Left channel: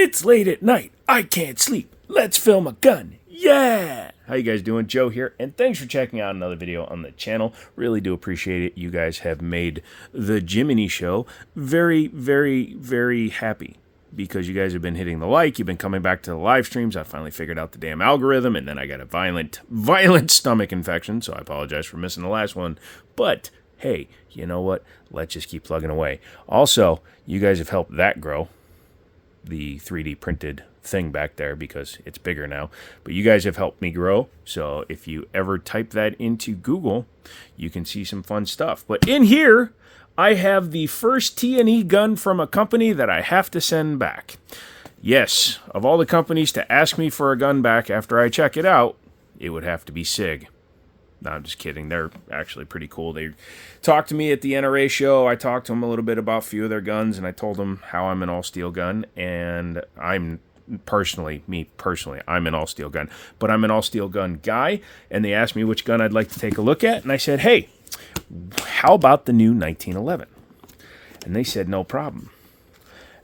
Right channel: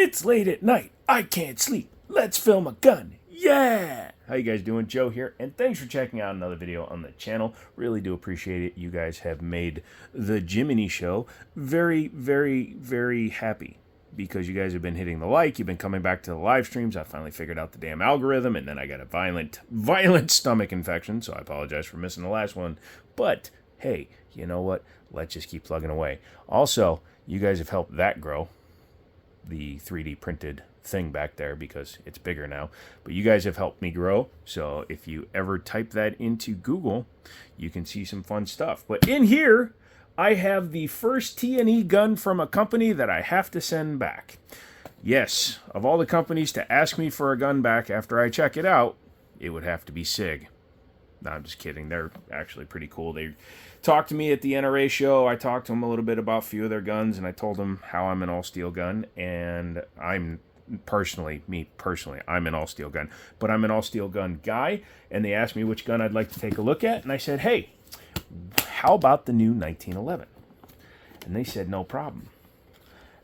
It's late at night. I can't sleep. Let's film a gun. Yeah! How you guys doing? Joe here, and thanks for checking out another video on the channel. Really do appreciate it. You guys have made the Jiminy Show very, very, very happy because you guys have been hitting the like. You've been coming back to the live streams. I finally figured out the damn algorithm, and then I got a violent stomach infection, so I apologize for missing the last one. But, hey, you know what? Let's just keep plugging away. Also, you guys have helped that grow, the 3D printed thing back there, because it's bigger now. But you guys have helped me grow, so if you ever type that into Google, you can see some fun stuff. But in here, I have the first T&E gun from a company that I have to send back. Yes, of all the companies to ask me for a gun back after I check it out, it would have to be Sig. No, I'm just kidding. They're actually pretty cool. They talked to me at the NRA show. I talked to them a little bit about a few of their guns, and I told them how I'm an all-steel gun, and I'm personally, I'm an all-steel gun, but I'm an all-steel gun guy, and they asked me which gun I'd like to take a look at, and I said, hey, how about the new 1911? And they said, no problem.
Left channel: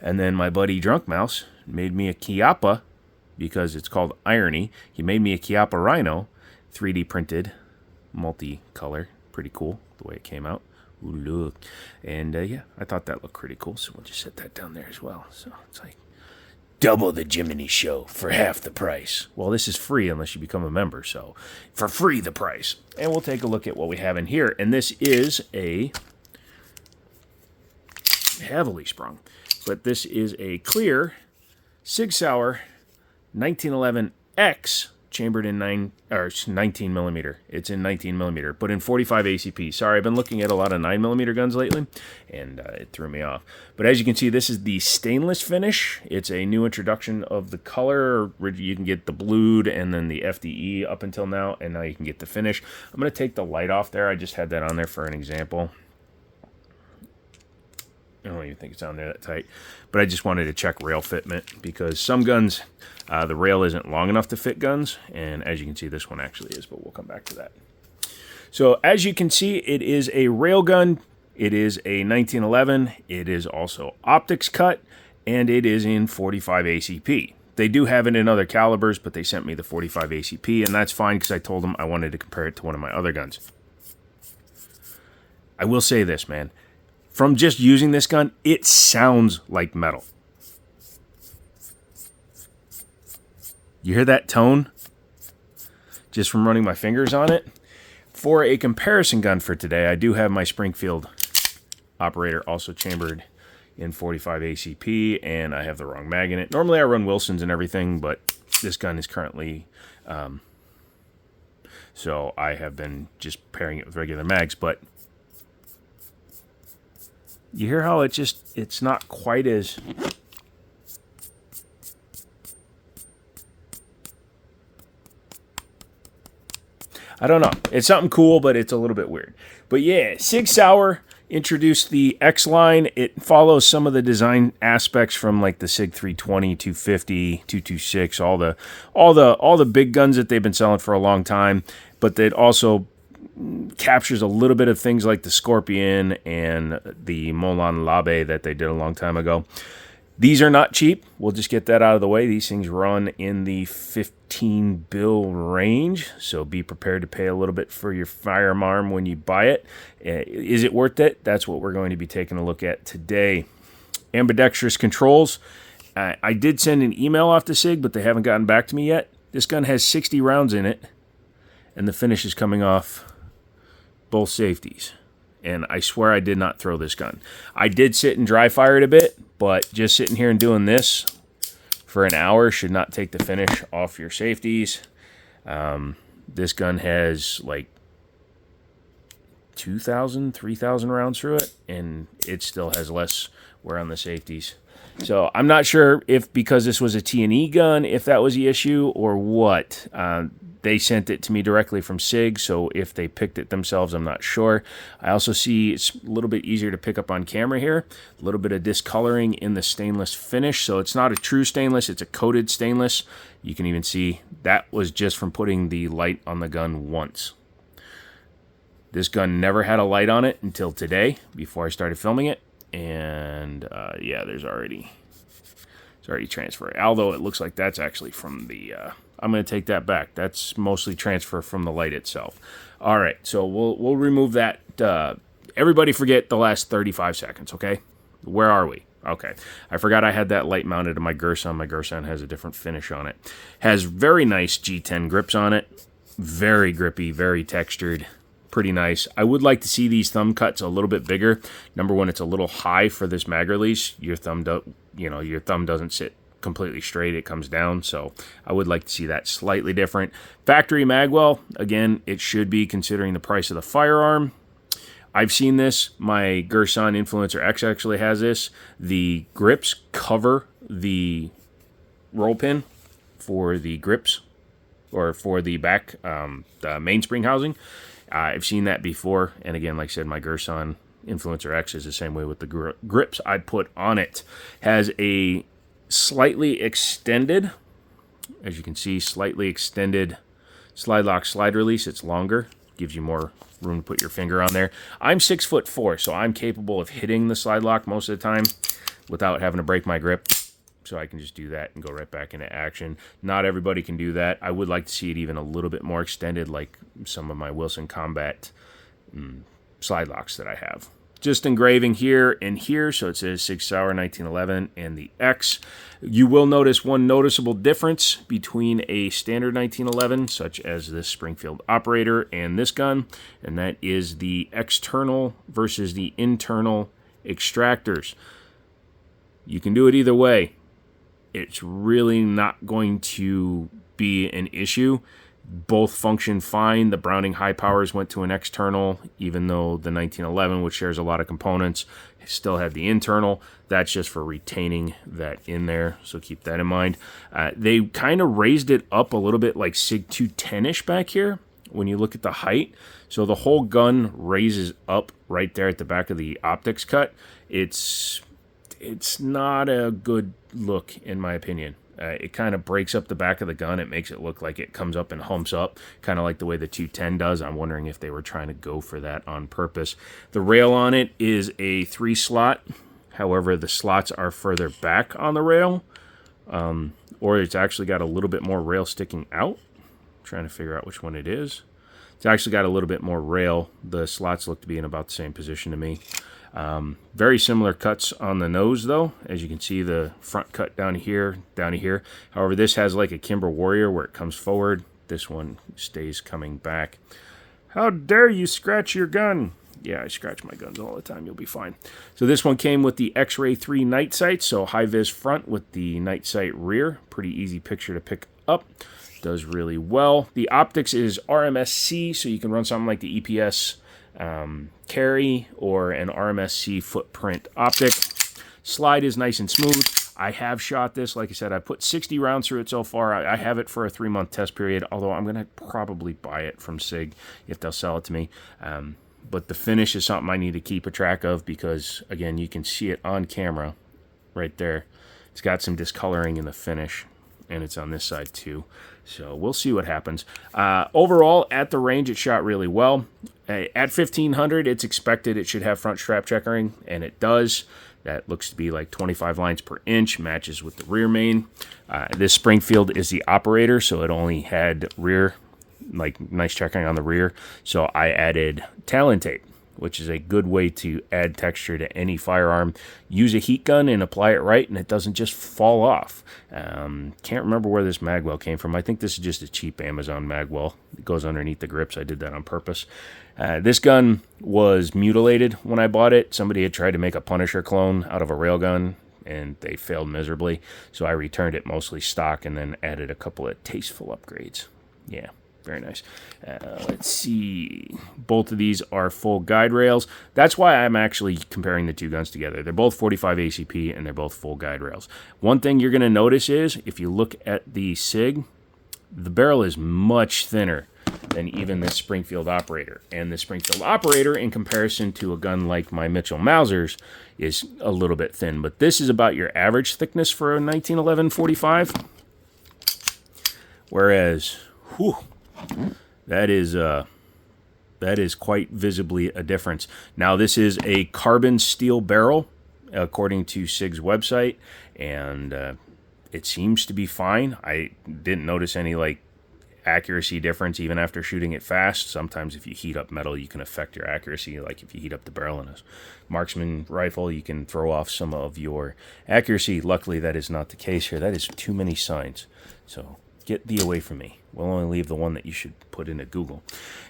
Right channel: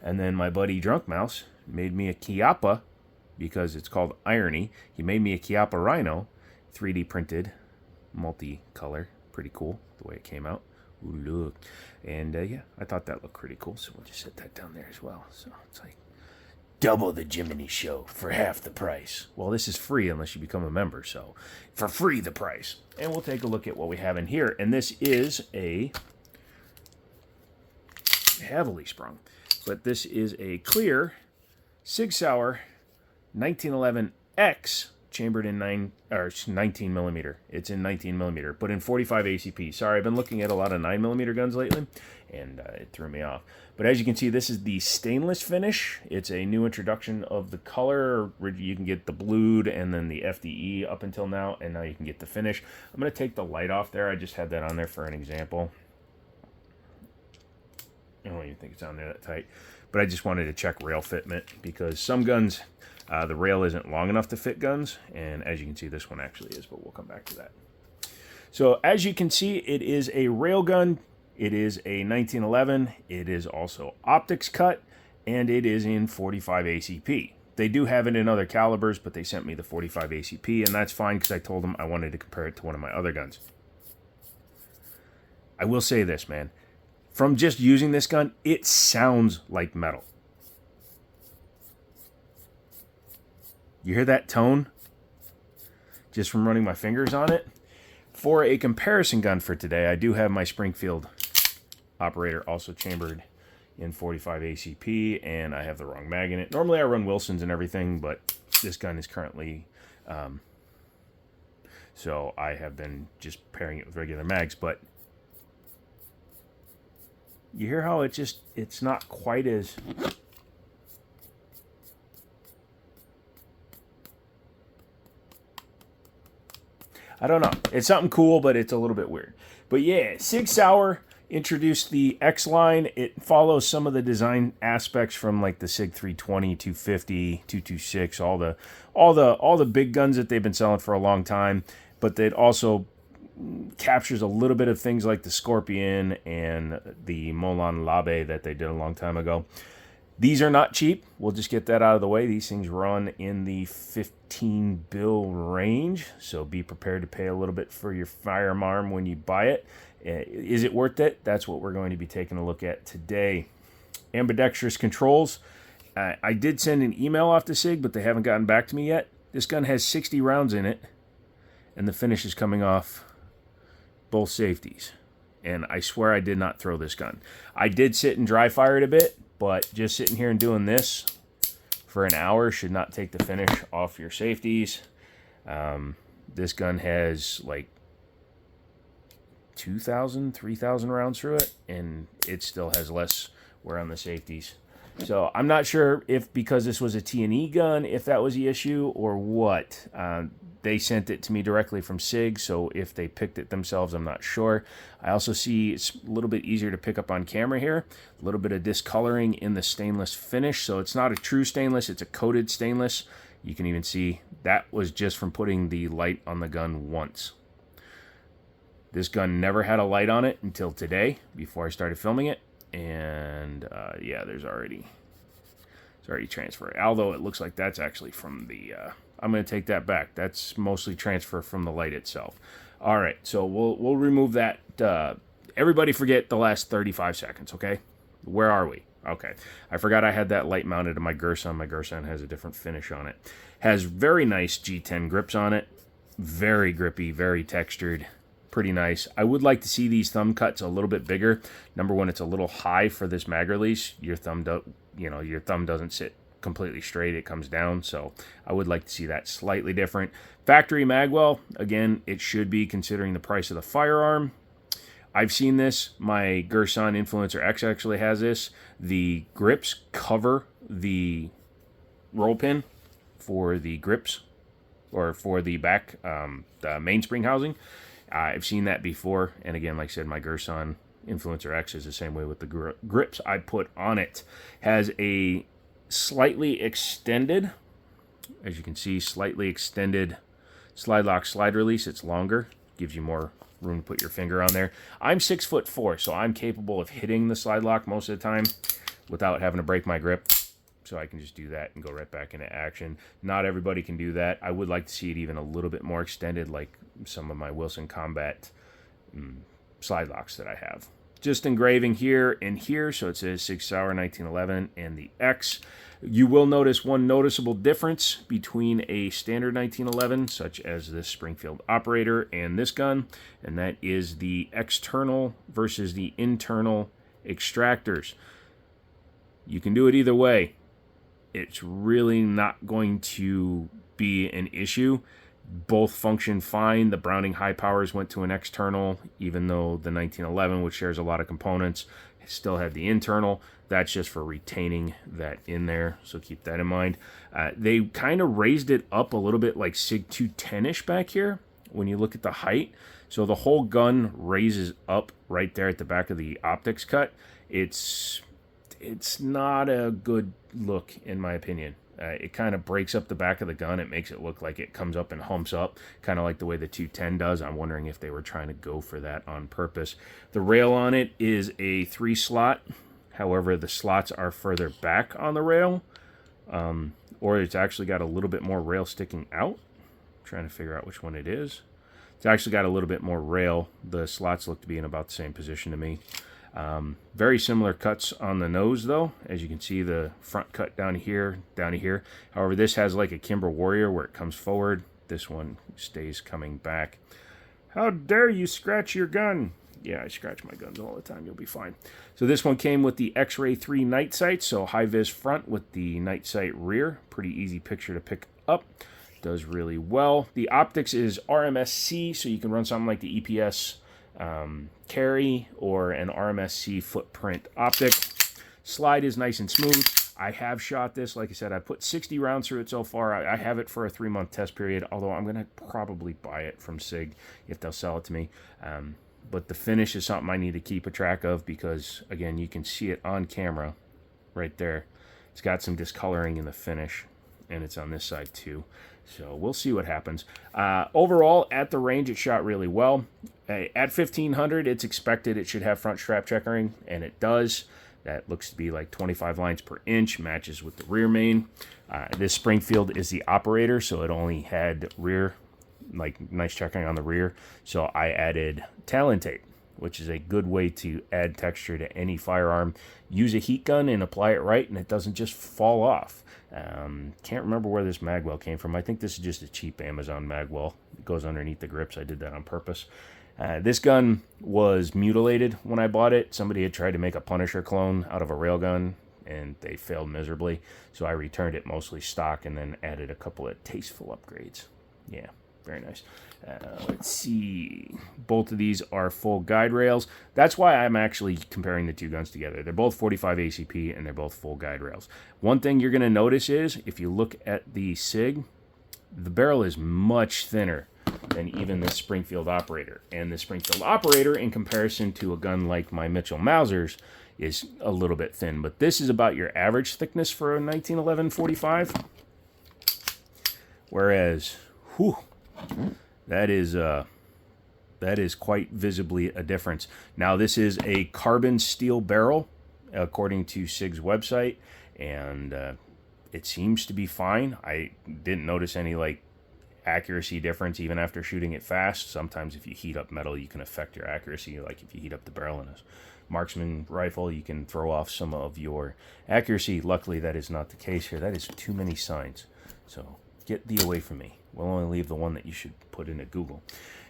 And then my buddy Drunk Mouse made me a Chiappa, because it's called Irony. He made me a Chiappa Rhino, 3D printed, multicolor, pretty cool the way it came out. Ooh, look. And yeah, I thought that looked pretty cool, so we'll just set that down there as well. So it's like double the Jiminy Show for half the price. Well, this is free unless you become a member, so for free the price. And we'll take a look at what we have in here. And this is a heavily sprung, but this is a clear Sig Sauer 1911X chambered in 19 millimeter. It's in 19 millimeter, but in 45 ACP. Sorry, I've been looking at a lot of 9 millimeter guns lately, and it threw me off. But as you can see, this is the stainless finish. It's a new introduction of the color. You can get the blued and then the FDE up until now, and now you can get the finish. I'm going to take the light off there. I just had that on there for an example. I don't even think it's on there that tight, but I just wanted to check rail fitment, because some guns, the rail isn't long enough to fit guns, and as you can see, this one actually is, but we'll come back to that. So as you can see, it is a rail gun. It is a 1911. It is also optics cut, and it is in 45 ACP. They do have it in other calibers, but they sent me the 45 ACP, and that's fine because I told them I wanted to compare it to one of my other guns. I will say this, man. From just using this gun, it sounds like metal. You hear that tone? Just from running my fingers on it? For a comparison gun for today, I do have my Springfield operator also chambered in 45 ACP, and I have the wrong mag in it. Normally I run Wilsons and everything, but this gun is currently... so I have been just pairing it with regular mags, but... You hear how it's not quite as... I don't know. It's something cool, but it's a little bit weird. But yeah, Sig Sauer introduced the X line. It follows some of the design aspects from like the Sig 320, 250, 226, all the big guns that they've been selling for a long time, but it also captures a little bit of things like the Scorpion and the Molan Labe that they did a long time ago. These are not cheap. We'll just get that out of the way. These things run in the 15 bill range, so be prepared to pay a little bit for your firearm when you buy it. Is it worth it? That's what we're going to be taking a look at today. Ambidextrous controls. I did send an email off to Sig, but they haven't gotten back to me yet. This gun has 60 rounds in it, and the finish is coming off both safeties. And I swear I did not throw this gun. I did sit and dry fire it a bit, but just sitting here and doing this for an hour should not take the finish off your safeties. This gun has like 2,000, 3,000 rounds through it, and it still has less wear on the safeties. So I'm not sure if because this was a T&E gun, if that was the issue or what. They sent it to me directly from Sig, so if they picked it themselves, I'm not sure. I also see it's a little bit easier to pick up on camera here. A little bit of discoloring in the stainless finish, so it's not a true stainless, it's a coated stainless. You can even see that was just from putting the light on the gun once. This gun never had a light on it until today, before I started filming it. And yeah, there's already It's already transferred. Although it looks like that's actually from the... I'm going to take that back. That's mostly transfer from the light itself. All right, so we'll remove that. Everybody forget the last 35 seconds, okay? Where are we? Okay. I forgot I had that light mounted to my Gerson. My Gerson has a different finish on it. Has very nice G10 grips on it. Very grippy, very textured. Pretty nice. I would like to see these thumb cuts a little bit bigger. Number one, it's a little high for this mag release. Your thumb doesn't sit completely straight. It comes down, so I would like to see that slightly different. Factory magwell, again, it should be considering the price of the firearm. I've seen this. My Gerson Influencer X actually has this. The grips cover the roll pin for the grips, or for the back, the mainspring housing. I've seen that before, and again, like I said, my Gerson Influencer X is the same way with the grips I put on it. Has a slightly extended, as you can see, slightly extended slide lock slide release. It's longer, gives you more room to put your finger on there. I'm 6'4", so I'm capable of hitting the slide lock most of the time without having to break my grip. So I can just do that and go right back into action. Not everybody can do that. I would like to see it even a little bit more extended, like some of my Wilson Combat slide locks that I have. Just engraving here and here, so it says Sig Sauer 1911 and the X. You will notice one noticeable difference between a standard 1911, such as this Springfield operator, and this gun, and that is the external versus the internal extractors. You can do it either way. It's really not going to be an issue. Both function fine. The Browning high powers went to an external, even though the 1911, which shares a lot of components, still had the internal. That's just for retaining that in there, so keep that in mind. They kind of raised it up a little bit like Sig 210-ish back here when you look at the height. So the whole gun raises up right there at the back of the optics cut. It's not a good look, in my opinion. It kind of breaks up the back of the gun. It makes it look like it comes up and humps up, kind of like the way the 210 does. I'm wondering if they were trying to go for that on purpose. The rail on it is a 3-slot. However, the slots are further back on the rail, or it's actually got a little bit more rail sticking out. I'm trying to figure out which one it is. It's actually got a little bit more rail. The slots look to be in about the same position to me. Very similar cuts on the nose, though. As you can see, the front cut down here, down to here. However, this has like a Kimber Warrior where it comes forward. This one stays coming back. How dare you scratch your gun? Yeah, I scratch my guns all the time. You'll be fine. So this one came with the X-Ray 3 night sight. So high-vis front with the night sight rear. Pretty easy picture to pick up. Does really well. The optics is RMSC, so you can run something like the EPS carry or an RMSC footprint optic. Slide is nice and smooth. I have shot this. Like I said, I put 60 rounds through it so far. I have it for a 3-month test period, although I'm going to probably buy it from Sig if they'll sell it to me. But the finish is something I need to keep a track of because, again, you can see it on camera right there. It's got some discoloring in the finish, and it's on this side too. So we'll see what happens. Overall, at the range, it shot really well. At 1500, it's expected it should have front strap checkering, and it does. That looks to be like 25 lines per inch, matches with the rear main. This Springfield is the operator, so it only had rear, like nice checkering on the rear. So I added Talon tape, which is a good way to add texture to any firearm. Use a heat gun and apply it right, and it doesn't just fall off. Can't remember where this magwell came from. I think this is just a cheap Amazon magwell. It goes underneath the grips. I did that on purpose. This gun was mutilated when I bought it. Somebody had tried to make a Punisher clone out of a railgun, and they failed miserably. So I returned it mostly stock and then added a couple of tasteful upgrades. Yeah. Very nice. Let's see. Both of these are full guide rails. That's why I'm actually comparing the two guns together. They're both 45 ACP, and they're both full guide rails. One thing you're going to notice is, if you look at the Sig, the barrel is much thinner than even the Springfield operator. And the Springfield operator, in comparison to a gun like my Mitchell Mausers, is a little bit thin. But this is about your average thickness for a 1911 45. Whereas, whew, that is quite visibly a difference. Now, this is a carbon steel barrel, according to Sig's website, and It seems to be fine. I didn't notice any like accuracy difference even after shooting it fast. Sometimes if you heat up metal, you can affect your accuracy. Like if you heat up the barrel in a marksman rifle, you can throw off some of your accuracy. Luckily, that is not the case here. That is too many signs. So get thee away from me. We'll only leave the one that you should put into Google.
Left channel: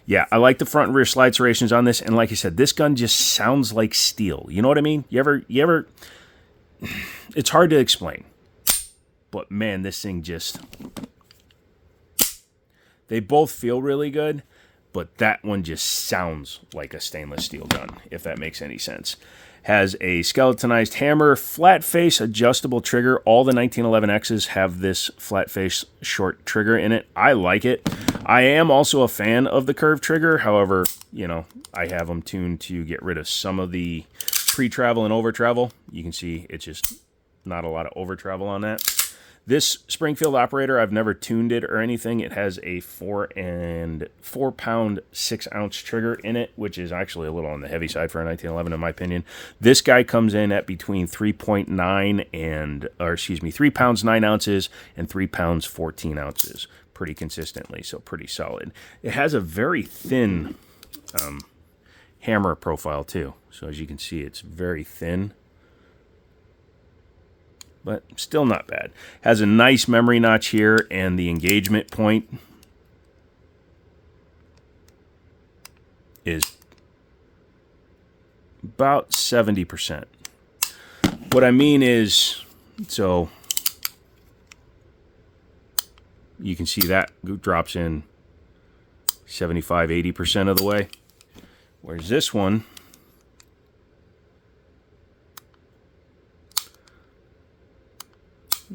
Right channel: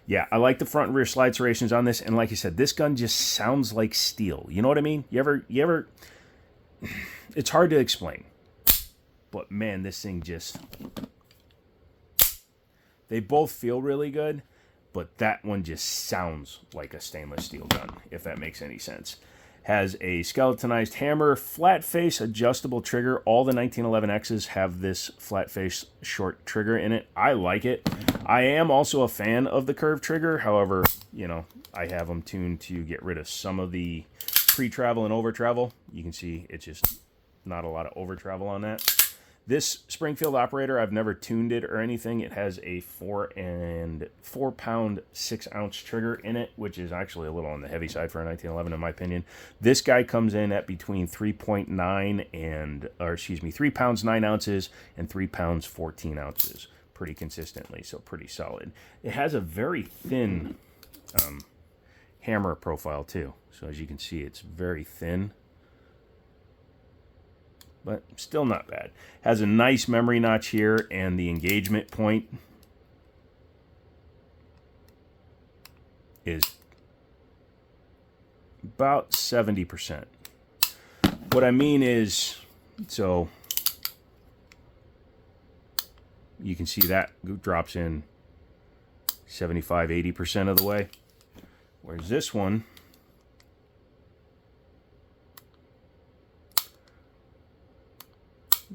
Yeah, I like the front and rear slide serrations on this. And like I said, this gun just sounds like steel. You know what I mean? You ever it's hard to explain. But man, this thing just... They both feel really good, but that one just sounds like a stainless steel gun, if that makes any sense. Has a skeletonized hammer, flat face, adjustable trigger. All the 1911Xs have this flat face short trigger in it. I like it. I am also a fan of the curved trigger. However, you know, I have them tuned to get rid of some of the pre-travel and over-travel. You can see it's just not a lot of over-travel on that. This Springfield operator, I've never tuned it or anything. It has a 4 pound 6 ounce trigger in it, which is actually a little on the heavy side for a 1911 in my opinion. This guy comes in at between 3.9 and, or excuse me, 3 pounds 9 ounces and 3 pounds 14 ounces pretty consistently, so pretty solid. It has a very thin hammer profile too. So as you can see, it's very thin, but still not bad. Has a nice memory notch here, and the engagement point is about 70%. What I mean is, so you can see that drops in 75-80% of the way, whereas this one,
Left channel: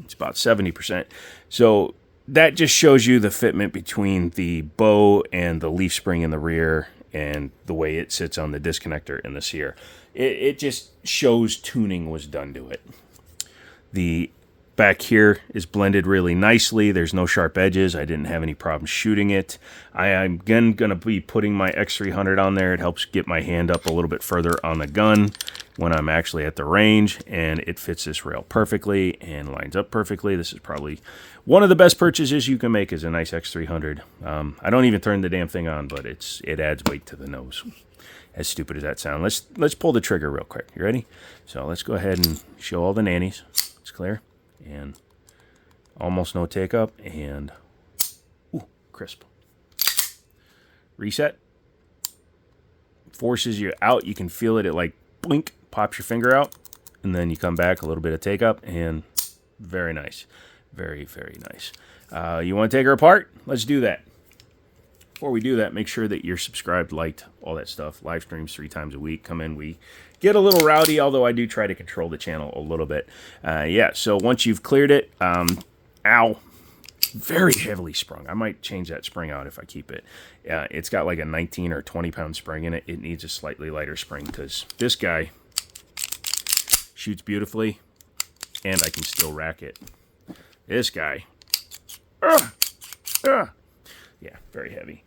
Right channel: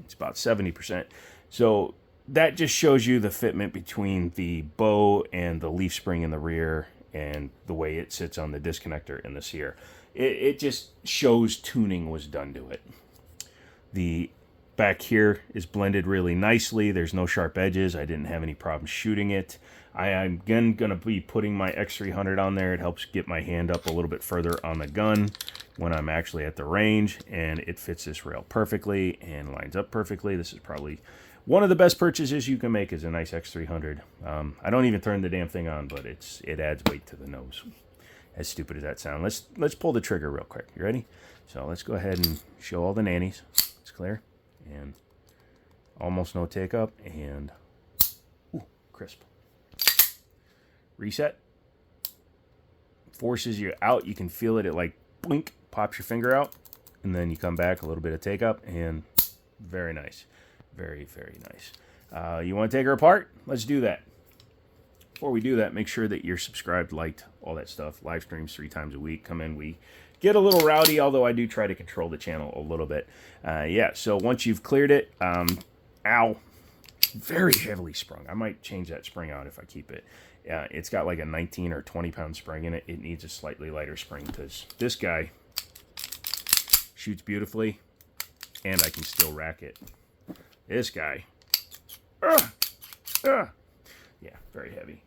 it's about 70%. So that just shows you the fitment between the bow and the leaf spring in the rear and the way it sits on the disconnector in the sear. It just shows tuning was done to it. The back here is blended really nicely. There's no sharp edges. I didn't have any problems shooting it. I am again going to be putting my X300 on there. It helps get my hand up a little bit further on the gun when I'm actually at the range, and it fits this rail perfectly and lines up perfectly. This is probably one of the best purchases you can make, is a nice X300. I don't even turn the damn thing on, but it adds weight to the nose. As stupid as that sounds. Let's pull the trigger real quick. You ready? So let's go ahead and show all the nannies. It's clear. And almost no take up, and ooh, crisp. Reset. Forces you out. You can feel it. It like blink, pops your finger out, and then you come back, a little bit of take up, and very nice. Very, very nice. You want to take her apart? Let's do that. Before we do that, make sure that you're subscribed, liked, all that stuff. Live streams 3 times a week. Come in. We get a little rowdy, although I do try to control the channel a little bit. Yeah, so once you've cleared it, ow, very heavily sprung. I might change that spring out if I keep it. It's got like a 19 or 20 pound spring in it. It needs a slightly lighter spring because this guy shoots beautifully, and I can still rack it. This guy, yeah, very heavy.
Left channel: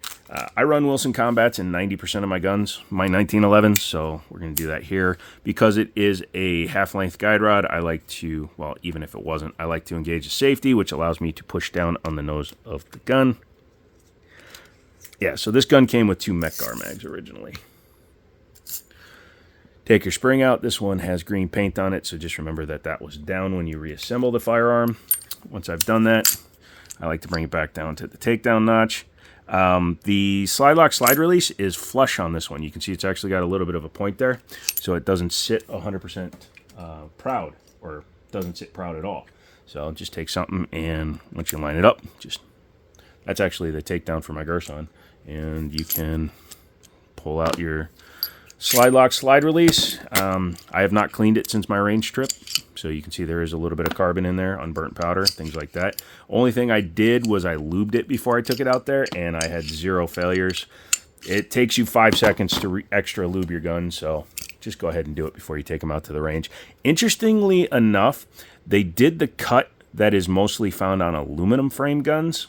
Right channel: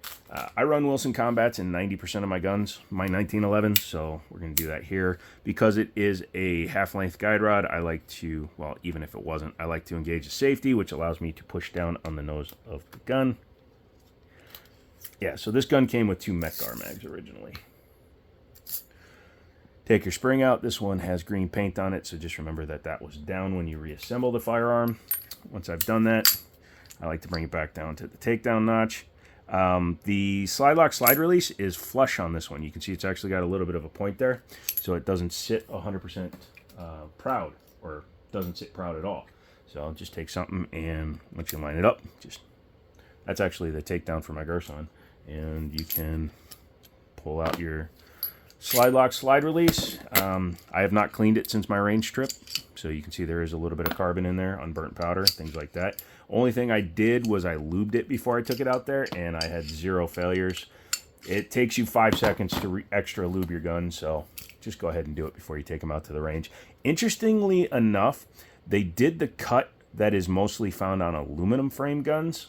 I run Wilson Combats in 90% of my guns, my 1911s, so we're going to do that here. Because it is a half-length guide rod, I like to, well, even if it wasn't, I like to engage the safety, which allows me to push down on the nose of the gun. Yeah, so this gun came with 2 Mech-Gar mags originally. Take your spring out. This one has green paint on it, so just remember that that was down when you reassemble the firearm. Once I've done that, I like to bring it back down to the takedown notch. The slide lock slide release is flush on this one. You can see it's actually got a little bit of a point there, so it doesn't sit 100% proud, or doesn't sit proud at all. So I'll just take something, and once you line it up, that's actually the takedown for my Gerson, and you can pull out your slide lock slide release. I have not cleaned it since my range trip, so you can see there is a little bit of carbon in there, unburnt powder, things like that. Only thing I did was I lubed it before I took it out there, and I had 0 failures. It takes you 5 seconds to extra lube your gun, so just go ahead and do it before you take them out to the range. Interestingly enough, they did the cut that is mostly found on aluminum frame guns.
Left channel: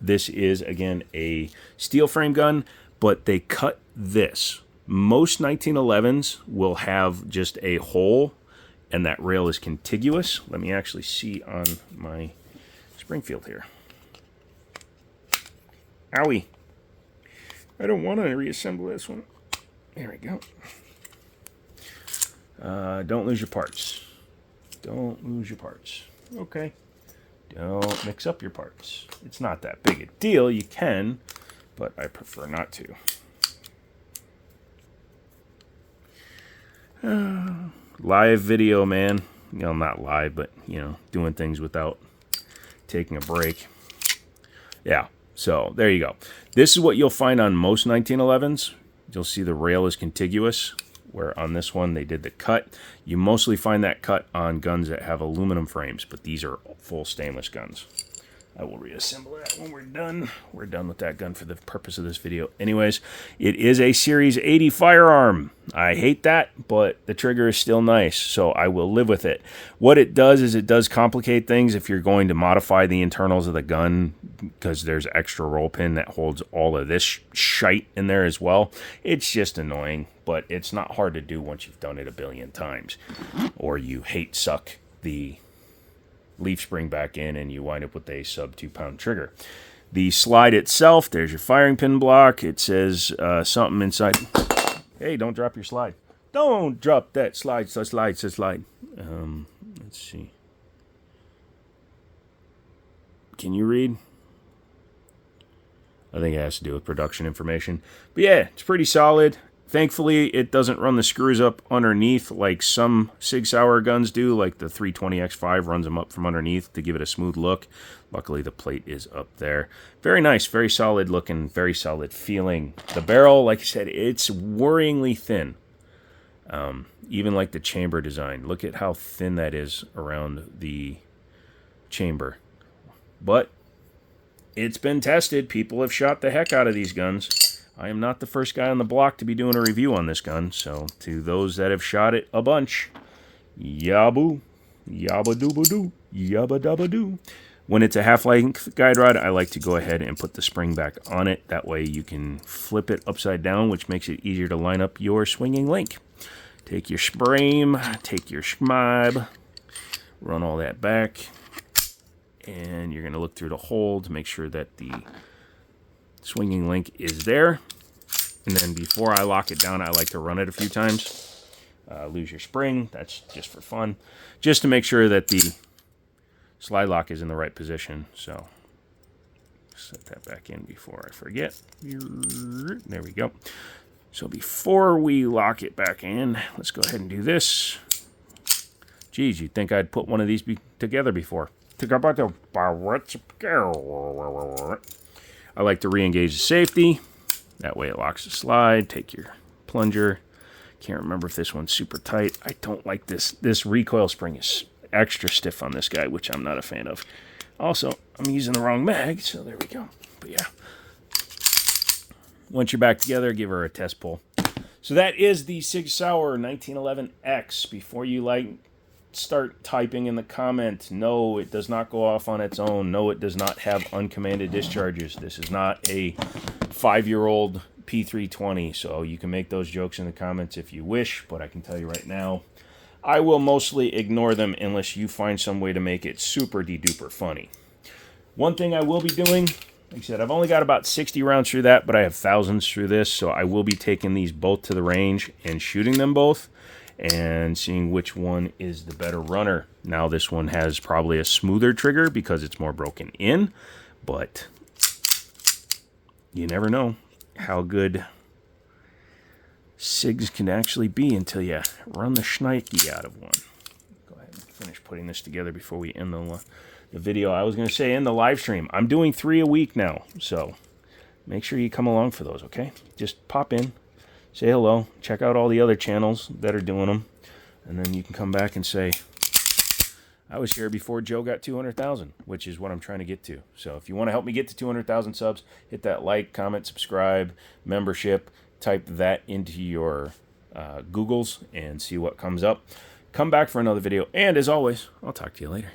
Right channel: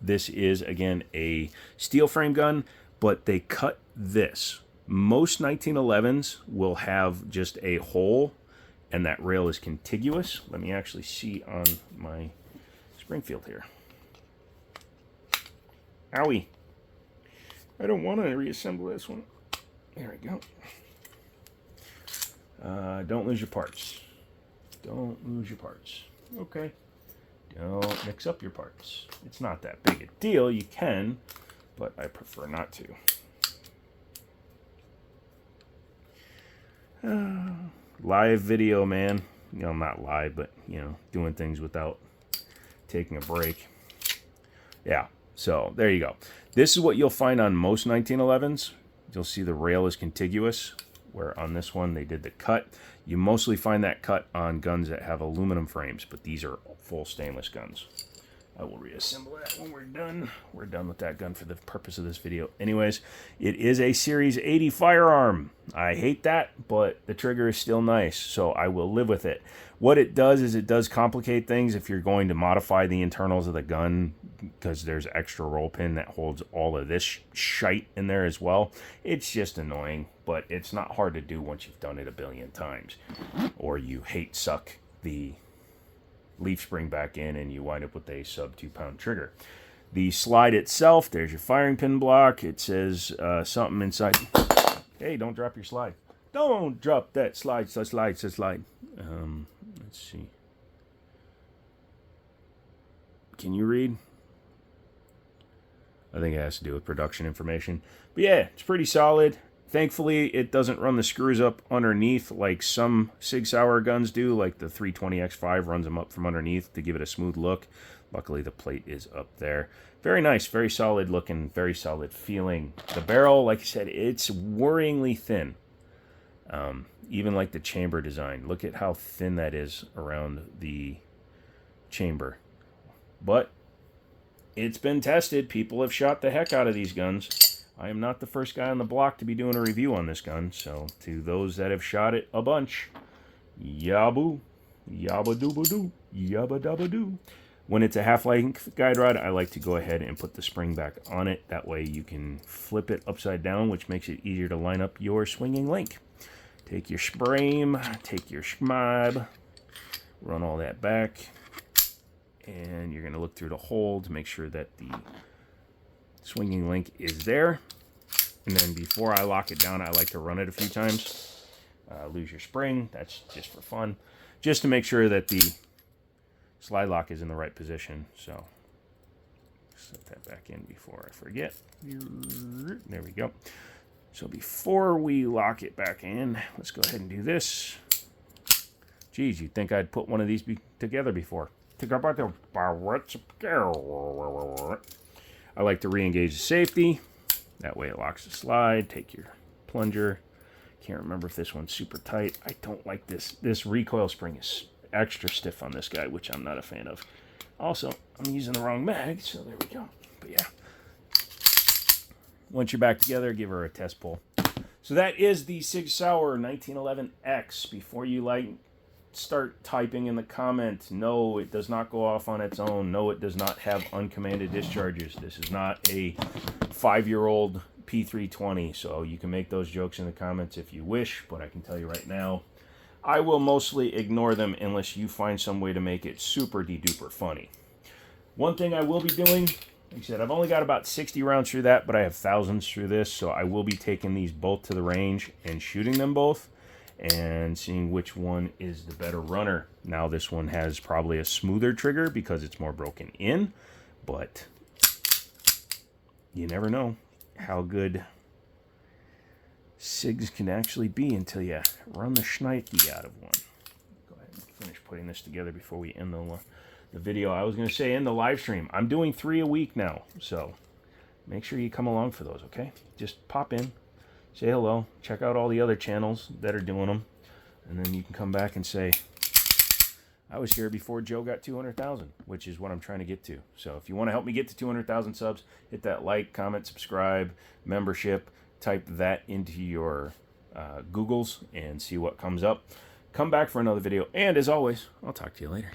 This is, again, a steel frame gun, but they cut this. Most 1911s will have just a hole and that rail is contiguous. Let me actually see on my Springfield here. Owie. I don't want to reassemble this one. There we go. Don't lose your parts. Don't lose your parts. Okay. Don't mix up your parts. It's not that big a deal. You can, but I prefer not to. Live video, man. You know, not live, but, you know, doing things without taking a break. Yeah, so there you go. This is what you'll find on most 1911s. You'll see the rail is contiguous, where on this one they did the cut. You mostly find that cut on guns that have aluminum frames, but these are full stainless guns. I will reassemble that when we're done. We're done with that gun for the purpose of this video. Anyways, it is a Series 80 firearm. I hate that, but the trigger is still nice, so I will live with it. What it does is it does complicate things if you're going to modify the internals of the gun, because there's extra roll pin that holds all of this shite in there as well. It's just annoying, but it's not hard to do once you've done it a billion times. Or you hate suck the leaf spring back in and you wind up with a sub 2-pound trigger. The slide itself, there's your firing pin block. It says something inside. Hey, don't drop your slide. Don't drop that slide. Let's see. Can you read? I think it has to do with production information. But yeah, it's pretty solid. Thankfully, it doesn't run the screws up underneath like some Sig Sauer guns do, like the 320X5 runs them up from underneath to give it a smooth look. Luckily, the plate is up there. Very nice, very solid looking, very solid feeling. The barrel, like I said, it's worryingly thin. Even like the chamber design. Look at how thin that is around the chamber. But it's been tested. People have shot the heck out of these guns. I am not the first guy on the block to be doing a review on this gun, so to those that have shot it a bunch, yaboo, yabba dooba doo, yabba dabba doo. When it's a half-length guide rod, I like to go ahead and put the spring back on it. That way you can flip it upside down, which makes it easier to line up your swinging link. Take your frame, take your schmab, run all that back, and you're going to look through the hole to make sure that the swinging link is there. And then before I lock it down, I like to run it a few times. Lose your spring, that's just for fun. Just to make sure that the slide lock is in the right position. So set that back in before I forget. There we go. So before we lock it back in, let's go ahead and do this. Geez, you'd think I'd put one of these together before. I like to re-engage the safety. That way it locks the slide. Take your plunger. Can't remember if this one's super tight. I don't like this. This recoil spring is extra stiff on this guy, which I'm not a fan of. Also, I'm using the wrong mag, so there we go. But yeah. Once you're back together, give her a test pull. So that is the Sig Sauer 1911X. Before you start typing in the comments, no, it does not go off on its own. No, it does not have uncommanded discharges. This is not a 5-year-old P320, so you can make those jokes in the comments if you wish, but I can tell you right now, I will mostly ignore them unless you find some way to make it super de-duper funny. One thing I will be doing, like I said, I've only got about 60 rounds through that, but I have thousands through this, so I will be taking these both to the range and shooting them both and seeing which one is the better runner. Now this one has probably a smoother trigger because it's more broken in, but you never know how good SIGs can actually be until you run the shnikey out of one. Go ahead and finish putting this together before we end the video. I was going to say end the live stream. I'm doing 3 a week now, so make sure you come along for those, okay? Just pop in, say hello, check out all the other channels that are doing them, and then you can come back and say, I was here before Joe got 200,000, which is what I'm trying to get to. So if you want to help me get to 200,000 subs, hit that like, comment, subscribe, membership, type that into your Googles and see what comes up. Come back for another video, and as always, I'll talk to you later.